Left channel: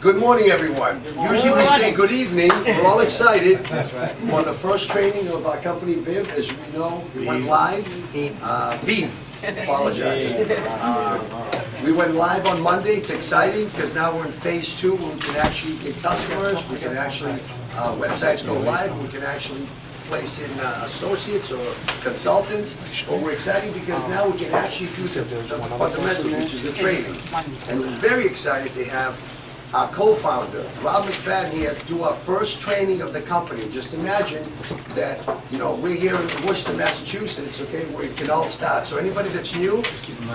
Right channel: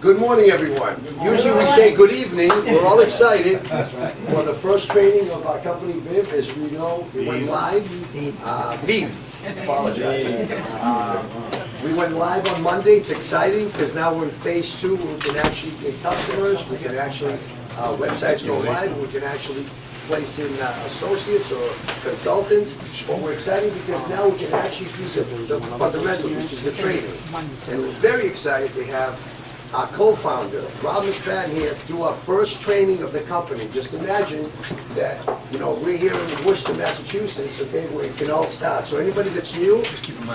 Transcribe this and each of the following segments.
Good morning, everyone. Usually we say good evening. We're all excited. For the first training of our company, Viv, as we know, we went live. Viv, apologize. We went live on Monday. It's exciting because now we're in phase 2 where we can actually get customers. We can actually, websites go live. We can actually place in associates or consultants. But we're excited because now we can actually do the fundamentals, which is the training. And we're very excited to have our co-founder, Robert McFadden, here to do our first training of the company. Just imagine that, we're here in Worcester, Massachusetts, okay, where it can all start. So anybody that's new,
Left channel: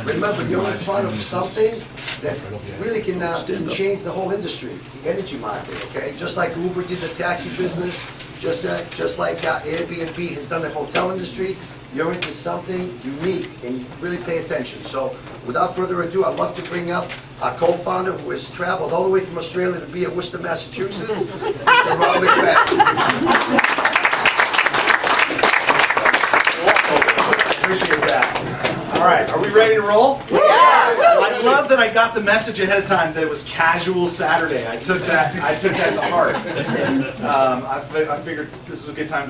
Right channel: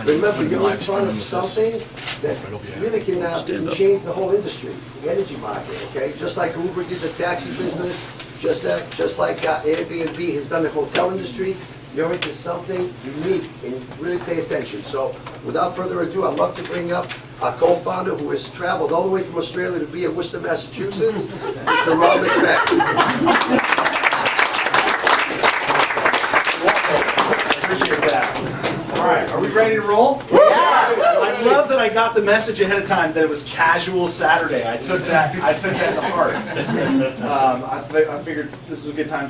remember, you're in front of something that really can change the whole industry, the energy market, okay? Just like Uber did the taxi business, just like Airbnb has done the hotel industry, you're into something unique and you really pay attention. So without further ado, I'd love to bring up our co-founder who has traveled all the way from Australia to be at Worcester, Massachusetts, Mr. Robert McFadden. Appreciate that. All right, are we ready to roll? Yeah! I love that I got the message ahead of time that it was casual Saturday. I took that to heart. I figured this was a good time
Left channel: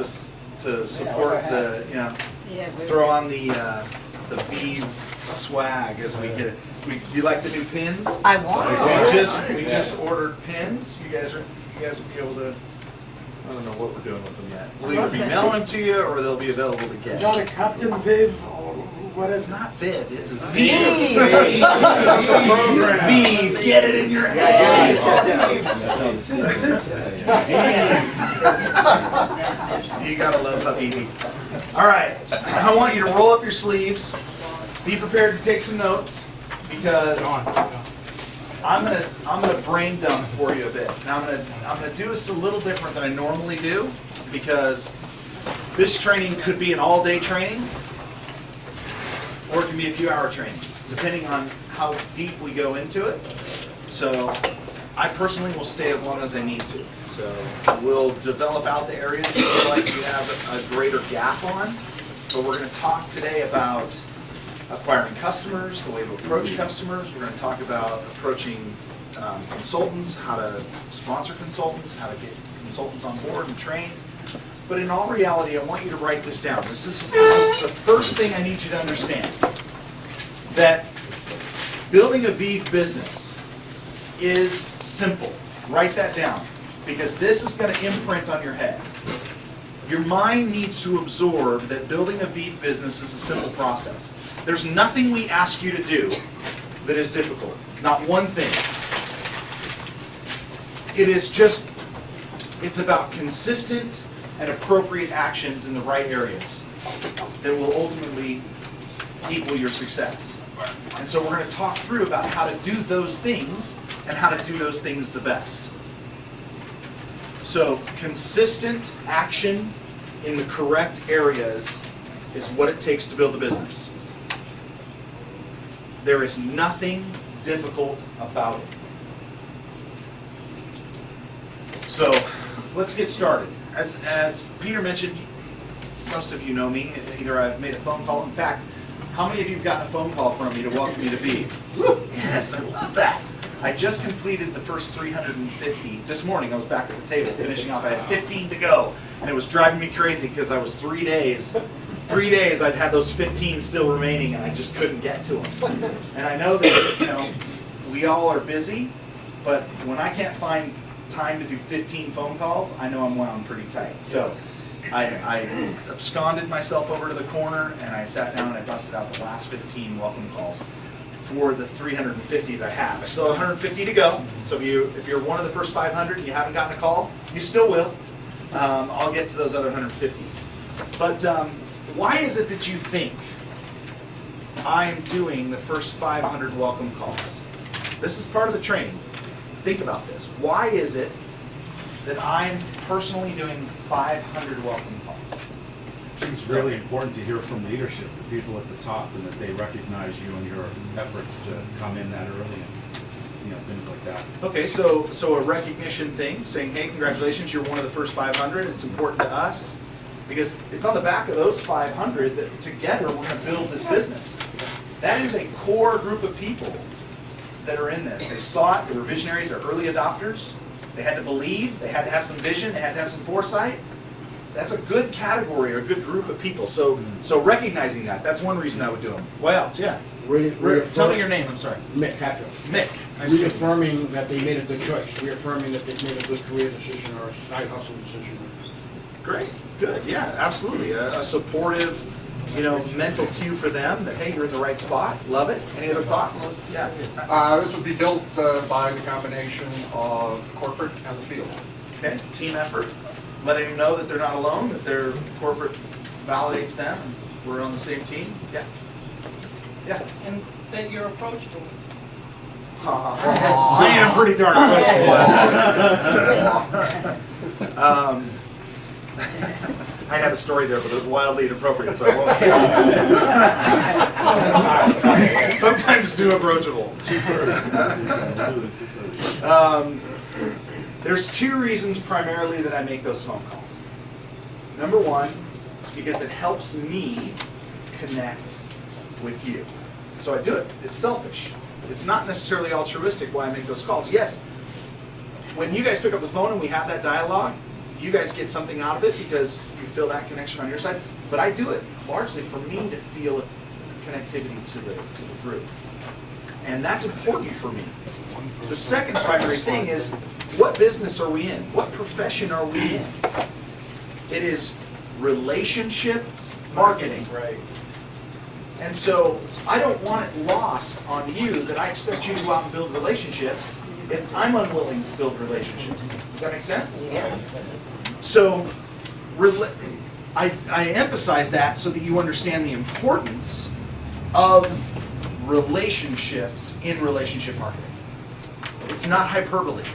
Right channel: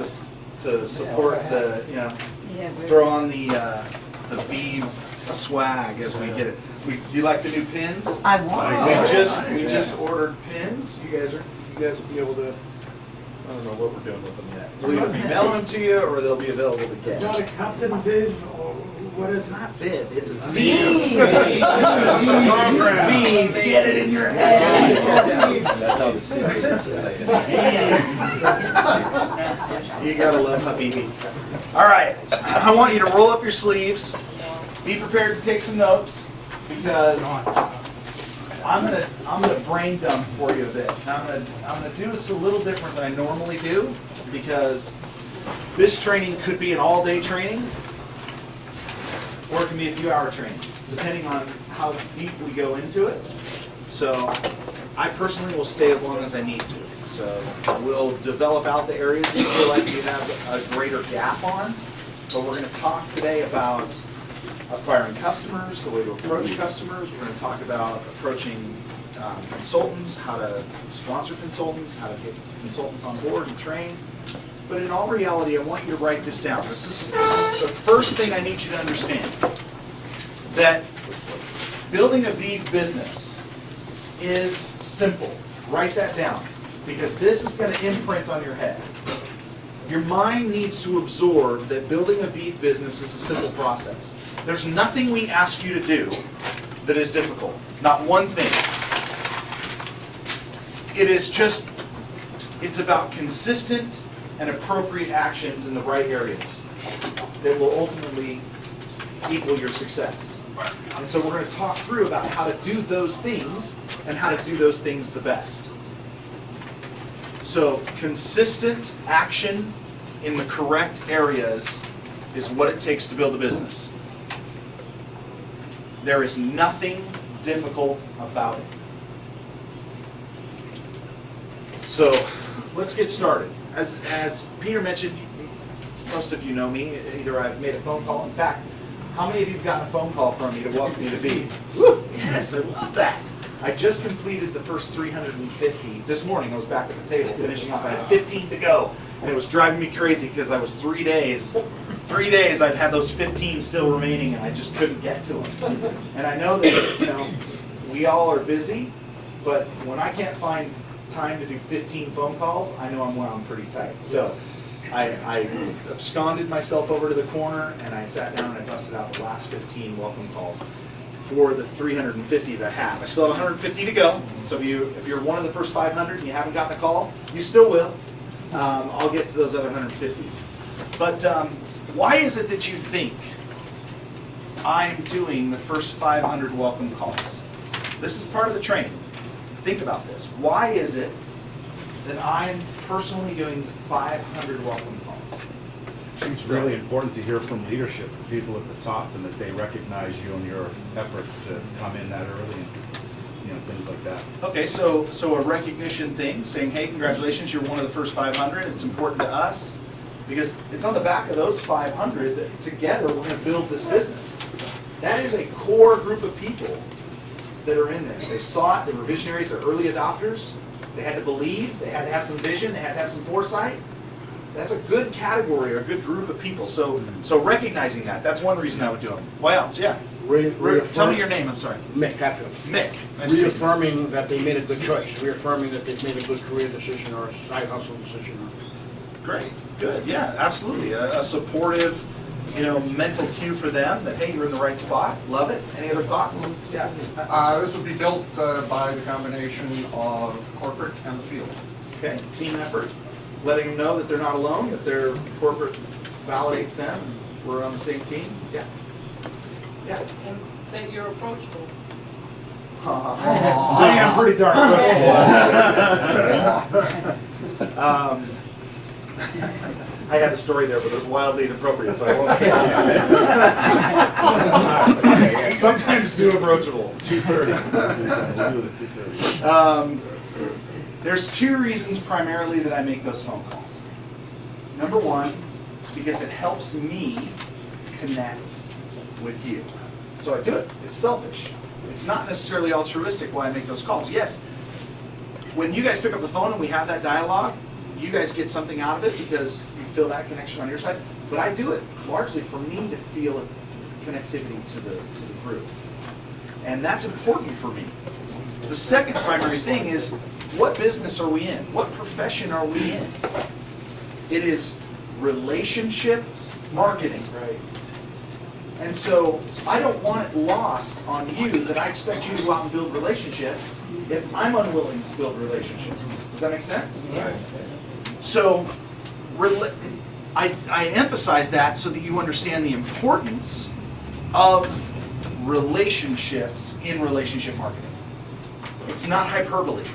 to support the, throw on the Vive swag as we get it. Do you like the new pins? I want. We just ordered pins. You guys will be able to. I don't know what we're doing with them yet. We'll either be mailing them to you or they'll be available to get. Is that a Captain Viv or what is It's not Viv, it's Vive. Viv, get it in your head. You gotta love Habibi. All right, I want you to roll up your sleeves. Be prepared to take some notes because I'm gonna brain dump for you a bit. Now I'm gonna do this a little different than I normally do because this training could be an all-day training or it can be a few-hour training, depending on how deep we go into it. So I personally will stay as long as I need to. So we'll develop out the areas that you feel like you have a greater gap on. But we're going to talk today about acquiring customers, the way to approach customers. We're going to talk about approaching consultants, how to sponsor consultants, how to get consultants on board and trained. But in all reality, I want you to write this down. This is the first thing I need you to understand. That building a Vive business is simple. Write that down because this is going to imprint on your head. Your mind needs to absorb that building a Vive business is a simple process. There's nothing we ask you to do that is difficult. Not one thing. It's about consistent and appropriate actions in the right areas that will ultimately equal your success. And so we're going to talk through about how to do those things and how to do those things the best. So consistent action in the correct areas is what it takes to build a business. There is nothing difficult about it. So let's get started. As Peter mentioned, most of you know me. Either I've made a phone call. In fact, how many of you have gotten a phone call from me to welcome me to Vive? Yes, I love that. I just completed the first 350 this morning. I was back at the table finishing up. I had 15 to go, and it was driving me crazy because I was 3 days. 3 days I'd had those 15 still remaining, and I just couldn't get to them. And I know that we all are busy, but when I can't find time to do 15 phone calls, I know I'm wound pretty tight. So I absconded myself over to the corner and I sat down and I busted out the last 15 welcome calls for the 350 that I have. I still have 150 to go. So if you're one of the first 500 and you haven't gotten a call, you still will. I'll get to those other 150. But why is it that you think I'm doing the first 500 welcome calls? This is part of the training. Think about this. Why is it that I'm personally doing 500 welcome calls? It's really important to hear from leadership, the people at the top, and that they recognize you and your efforts to come in that early and things like that. Okay, so a recognition thing, saying, hey, congratulations, you're one of the first 500. It's important to us because it's on the back of those 500 that together we're going to build this business. That is a core group of people that are in this. They saw it, they were visionaries, they're early adopters. They had to believe, they had to have some vision, they had to have some foresight. That's a good category or a good group of people. So recognizing that, that's one reason I would do them. What else? Yeah. Tell me your name, I'm sorry. Mick Hatfield. Mick. Nice to meet you. Reaffirming that they made a good choice, reaffirming that they've made a good career decision or a side hustle decision. Great, good, yeah, absolutely. A supportive, mental cue for them that, hey, you're in the right spot. Love it. Any other thoughts? Yeah. This would be built by the combination of corporate and the field. Okay, team effort. Letting them know that they're not alone, that their corporate validates them, and we're on the same team. Yeah. Yeah. And that you're approachable. I am pretty darn approachable. I had a story there, but it was wildly inappropriate, so I won't say it. Sometimes too approachable. There's two reasons primarily that I make those phone calls. Number one, because it helps me connect with you. So I do it. It's selfish. It's not necessarily altruistic why I make those calls. Yes, when you guys pick up the phone and we have that dialogue, you guys get something out of it because you feel that connection on your side. But I do it largely for me to feel a connectivity to the group. And that's important for me. The second primary thing is, what business are we in? What profession are we in? It is relationship marketing. Right. And so I don't want it lost on you that I expect you to go out and build relationships if I'm unwilling to build relationships. Does that make sense? Yes. So I emphasize that so that you understand the importance of relationships in relationship marketing. It's not hyperbole.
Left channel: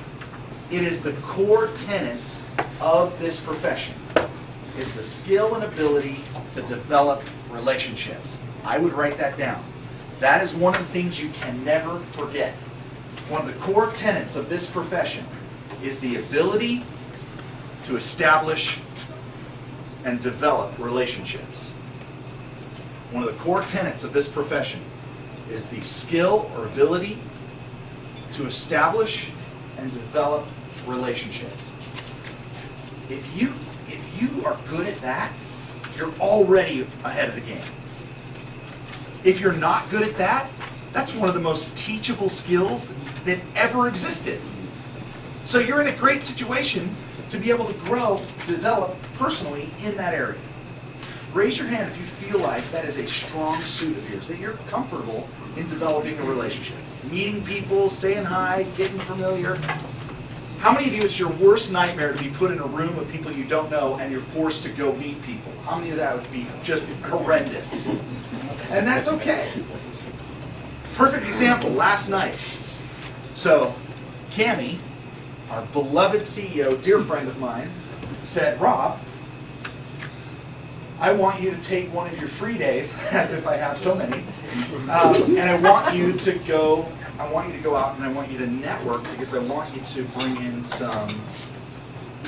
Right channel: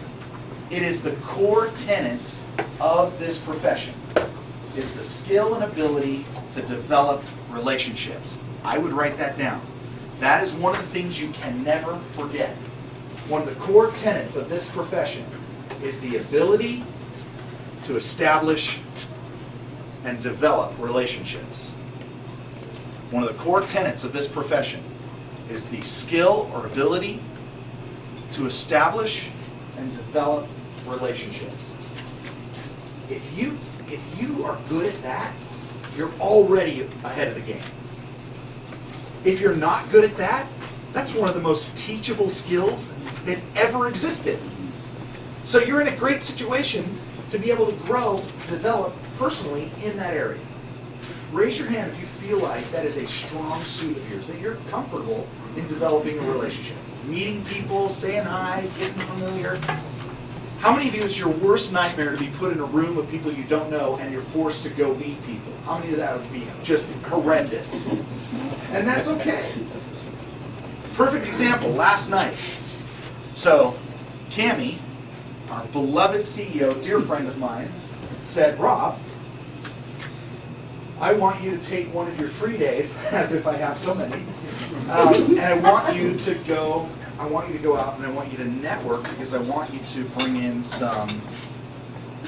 It is the core tenet of this profession, is the skill and ability to develop relationships. I would write that down. That is one of the things you can never forget. One of the core tenets of this profession is the ability to establish and develop relationships. One of the core tenets of this profession is the skill or ability to establish and develop relationships. If you are good at that, you're already ahead of the game. If you're not good at that, that's one of the most teachable skills that ever existed. So you're in a great situation to be able to grow, develop personally in that area. Raise your hand if you feel like that is a strong suit of yours, that you're comfortable in developing a relationship. Meeting people, saying hi, getting familiar. How many of you, it's your worst nightmare to be put in a room with people you don't know and you're forced to go meet people? How many of that would be just horrendous? And that's okay. Perfect example, last night. So, Cammie, our beloved CEO, dear friend of mine, said, Rob, I want you to take one of your free days, as if I have so many, and I want you to go out and I want you to network because I want you to bring in some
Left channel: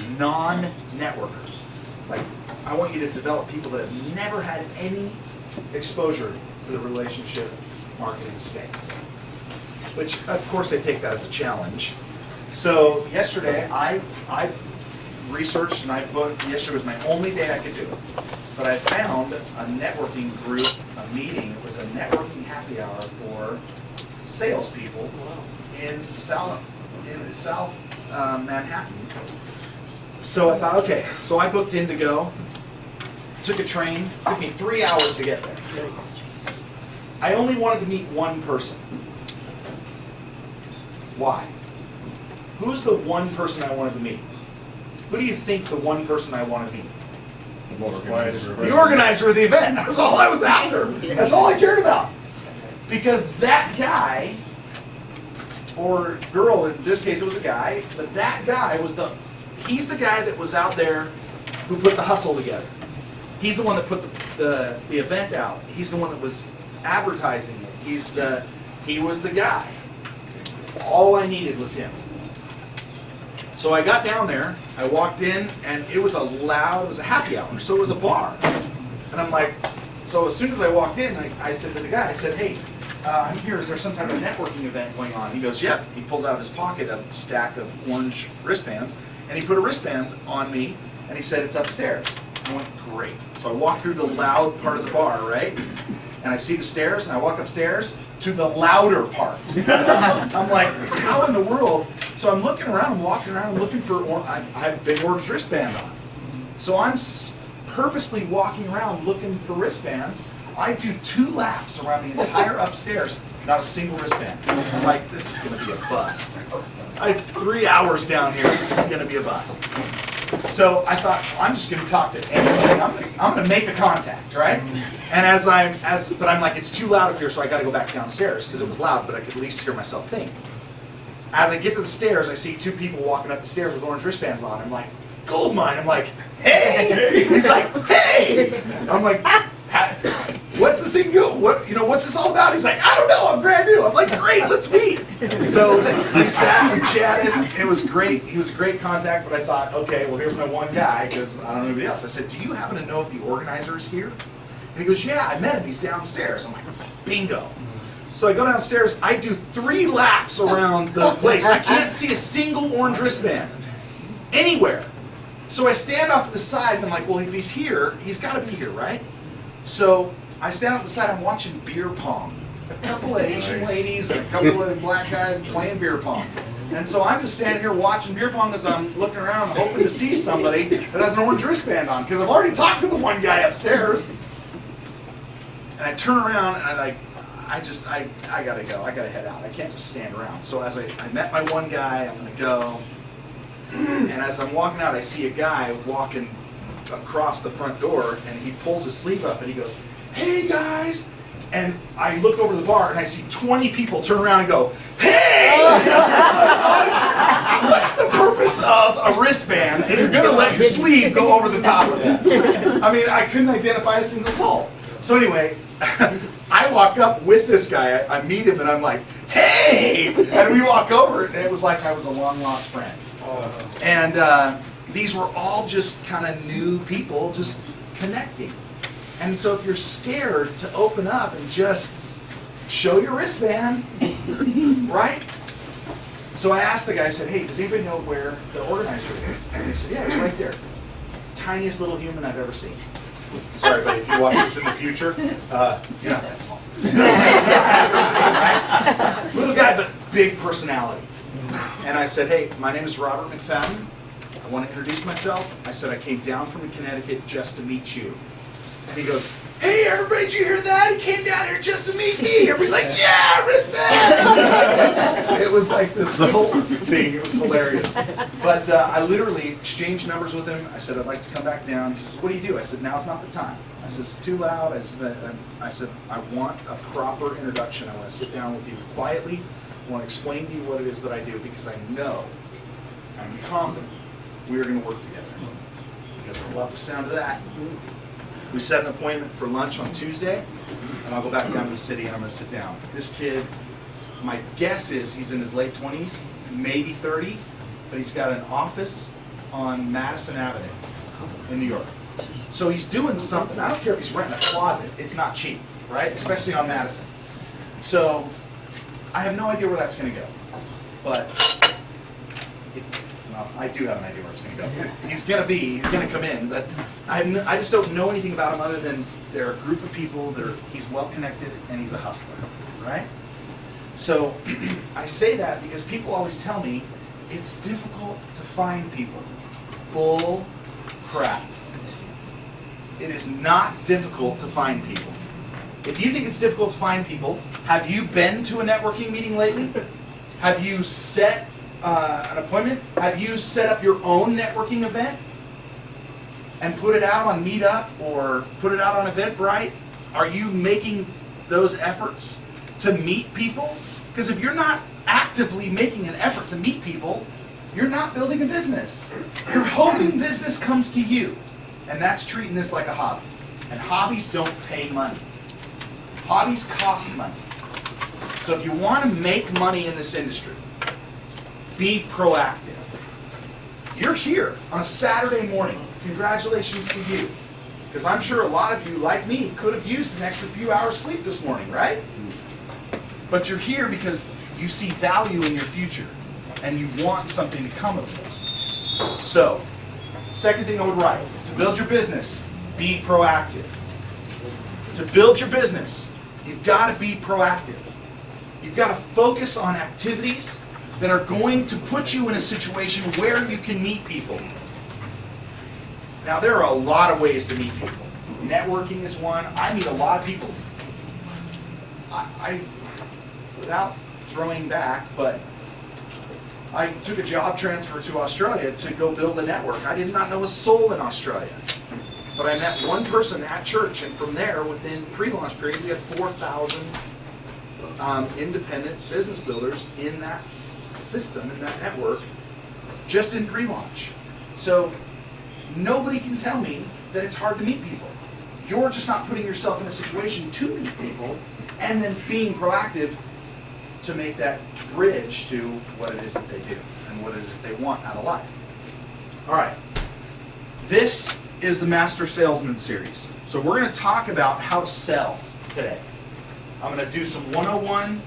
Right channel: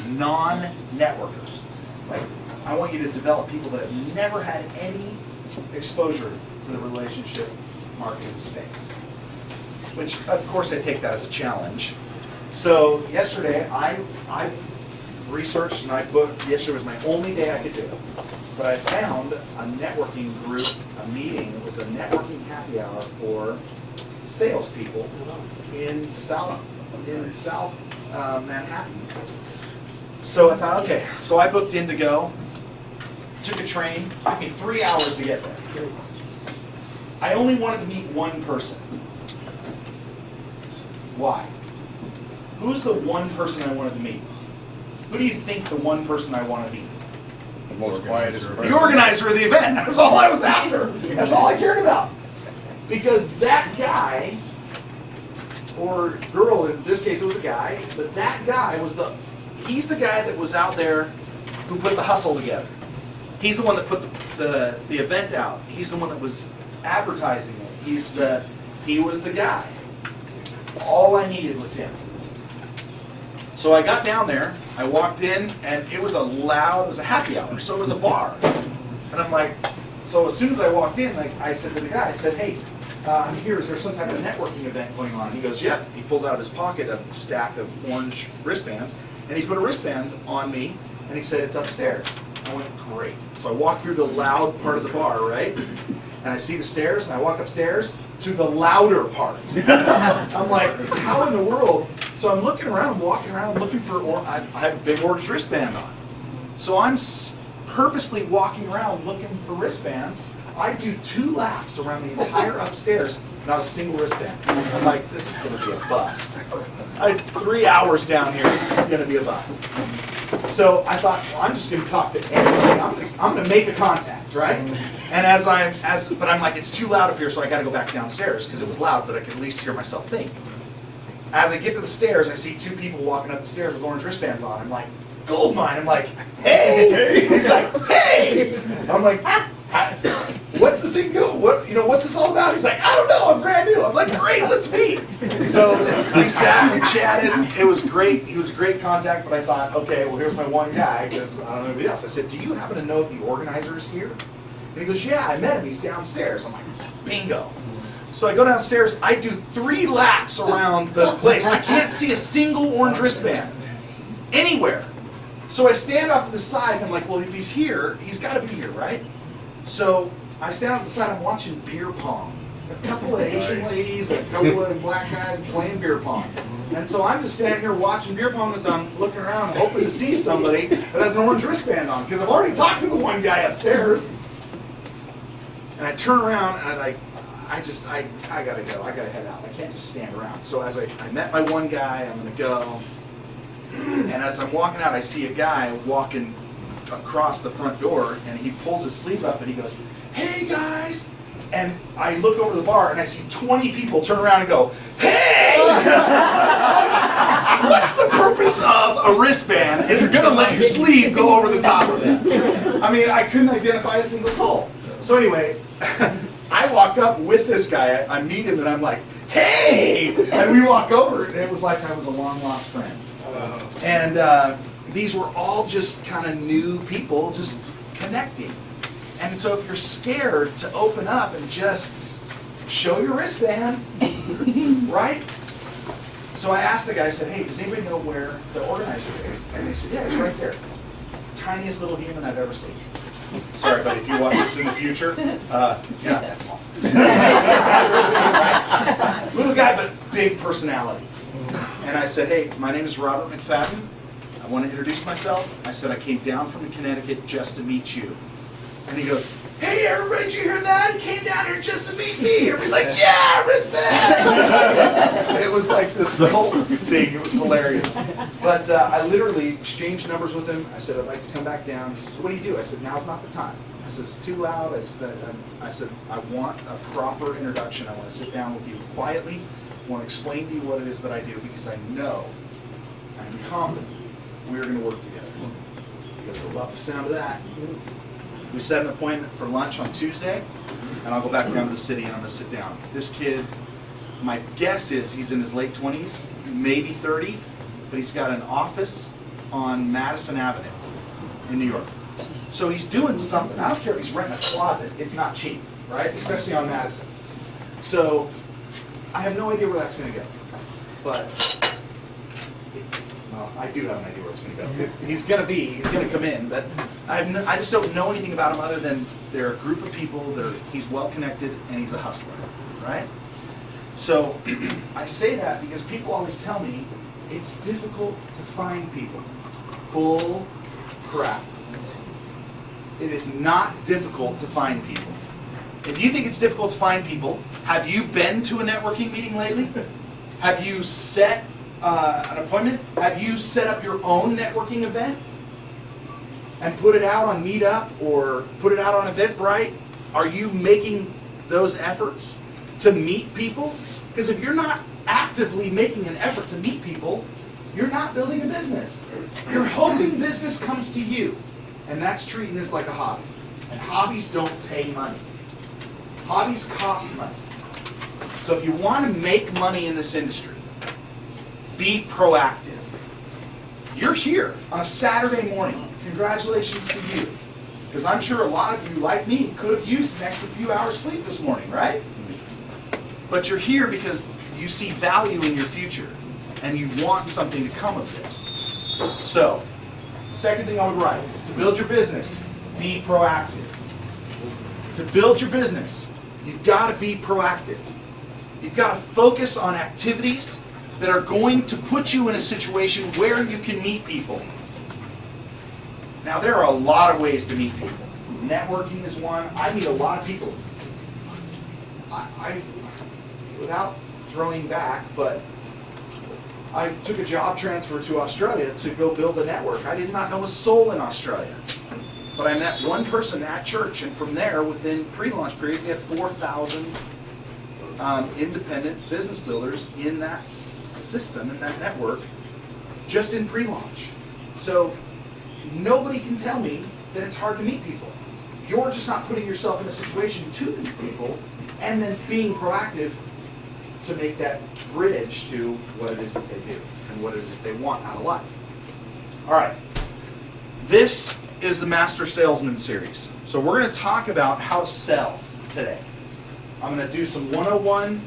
non-networkers. Like, I want you to develop people that have never had any exposure to the relationship marketing space. Which, of course, I take that as a challenge. So yesterday, I researched and I booked, yesterday was my only day I could do it. But I found a networking group, a meeting. It was a networking happy hour for salespeople in South Manhattan. So I thought, okay. So I booked in to go. Took a train. Took me 3 hours to get there. I only wanted to meet one person. Why? Who's the one person I wanted to meet? Who do you think the one person I want to meet? The organizer of the event. That's all I was after. That's all I cared about. Because that guy, or girl, in this case it was a guy, but that guy he's the guy that was out there who put the hustle together. He's the one that put the event out. He's the one that was advertising it. He was the guy. All I needed was him. So I got down there, I walked in, and it was a happy hour, so it was a bar. And I'm like, so as soon as I walked in, I said to the guy, I said, hey, I'm here, is there some type of networking event going on? He goes, yep. He pulls out of his pocket a stack of orange wristbands, and he put a wristband on me, and he said, it's upstairs. I went, great. So I walk through the loud part of the bar, right? And I see the stairs, and I walk upstairs to the louder part. I'm like, how in the world? So I'm looking around, I'm walking around, looking for, I have a big orange wristband on. So I'm purposely walking around looking for wristbands. I do 2 laps around the entire upstairs, not a single wristband. I'm like, this is gonna be a bust. I had 3 hours down here, this is gonna be a bust. So I thought, well, I'm just gonna talk to anybody. I'm gonna make a contact, right? And but I'm like, it's too loud up here, so I gotta go back downstairs, because it was loud, but I could at least hear myself think. As I get to the stairs, I see 2 people walking up the stairs with orange wristbands on. I'm like, gold mine. I'm like, hey! He's like, hey! I'm like, what's this thing go? What's this all about? He's like, I don't know, I'm brand new. I'm like, great, let's meet. So we sat and chatted. It was great. He was a great contact, but I thought, okay, well, here's my one guy, because I don't know anybody else. I said, do you happen to know if the organizer is here? And he goes, yeah, I met him. He's downstairs. I'm like, bingo. So I go downstairs. I do 3 laps around the place. I can't see a single orange wristband anywhere. So I stand off to the side, and I'm like, well, if he's here, he's got to be here, right? So I stand off to the side, I'm watching beer pong. A couple of Asian ladies, a couple of black guys playing beer pong. And so I'm just standing here watching beer pong as I'm looking around, hoping to see somebody that has an orange wristband on, because I've already talked to the one guy upstairs. And I turn around, and I gotta go, I gotta head out. I can't just stand around. So as I met my one guy, I'm gonna go. And as I'm walking out, I see a guy walking across the front door, and he pulls his sleeve up and he goes, hey guys! And I look over the bar and I see 20 people turn around and go, hey! What's the purpose of a wristband if you're gonna let your sleeve go over the top of it? I mean, I couldn't identify a single soul. So anyway, I walk up with this guy, I meet him, and I'm like, hey! And we walk over, and it was like I was a long lost friend. And these were all just kind of new people just connecting. And so if you're scared to open up and just show your wristband, right? So I asked the guy, I said, hey, does anybody know where the organizer is? And they said, yeah, he's right there. Tiniest little human I've ever seen. Sorry, but if you watch this in the future, you're not that small. Little guy, but big personality. And I said, hey, my name is Robert McFadden. I want to introduce myself. I said, I came down from Connecticut just to meet you. And he goes, hey, everybody, did you hear that? He came down here just to meet me. Everybody's like, yeah, wristband. It was like this whole thing. It was hilarious. But I literally exchanged numbers with him. I said, I'd like to come back down. He says, what do you do? I said, now's not the time. I said, it's too loud. I said, I want a proper introduction. I want to sit down with you quietly. I want to explain to you what it is that I do, because I know, I'm confident, we're going to work together. Because I love the sound of that. We set an appointment for lunch on Tuesday, and I'll go back down to the city and I'm going to sit down. This kid, my guess is he's in his late 20s, maybe 30, but he's got an office on Madison Avenue in New York. So he's doing something. I don't care if he's renting a closet, it's not cheap, right? Especially on Madison. So I have no idea where that's going to go, but well, I do have an idea where it's going to go. He's going to come in, but I just don't know anything about him other than they're a group of people, he's well connected, and he's a hustler, right? So I say that because people always tell me it's difficult to find people. Bull crap. It is not difficult to find people. If you think it's difficult to find people, have you been to a networking meeting lately? Have you set an appointment? Have you set up your own networking event and put it out on Meetup or put it out on Eventbrite? Are you making those efforts to meet people? Because if you're not actively making an effort to meet people, you're not building a business. You're hoping business comes to you. And that's treating this like a hobby. And hobbies don't pay money. Hobbies cost money. So if you want to make money in this industry, be proactive. You're here on a Saturday morning. Congratulations to you. Because I'm sure a lot of you, like me, could have used an extra few hours sleep this morning, right? But you're here because you see value in your future and you want something to come of this. So, second thing I would write, to build your business, be proactive. To build your business, you've got to be proactive. You've got to focus on activities that are going to put you in a situation where you can meet people. Now, there are a lot of ways to meet people. Networking is one. I meet a lot of people. I without throwing back, but I took a job transfer to Australia to go build a network. I did not know a soul in Australia. But I met one person at church, and from there, within pre-launch period, we had 4,000 independent business builders in that system, in that network, just in pre-launch. So nobody can tell me that it's hard to meet people. You're just not putting yourself in a situation to meet people and then being proactive to make that bridge to what it is that they do and what it is that they want out of life. All right. This is the Master Salesman series. So we're going to talk about how to sell today. I'm going to do some 101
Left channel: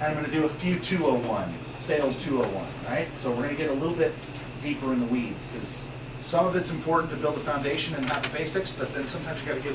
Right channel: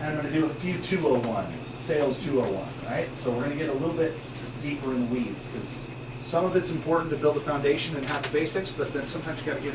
and I'm going to do a few 201, sales 201, right? So we're going to get a little bit deeper in the weeds because some of it's important to build a foundation and have the basics, but then sometimes you got to get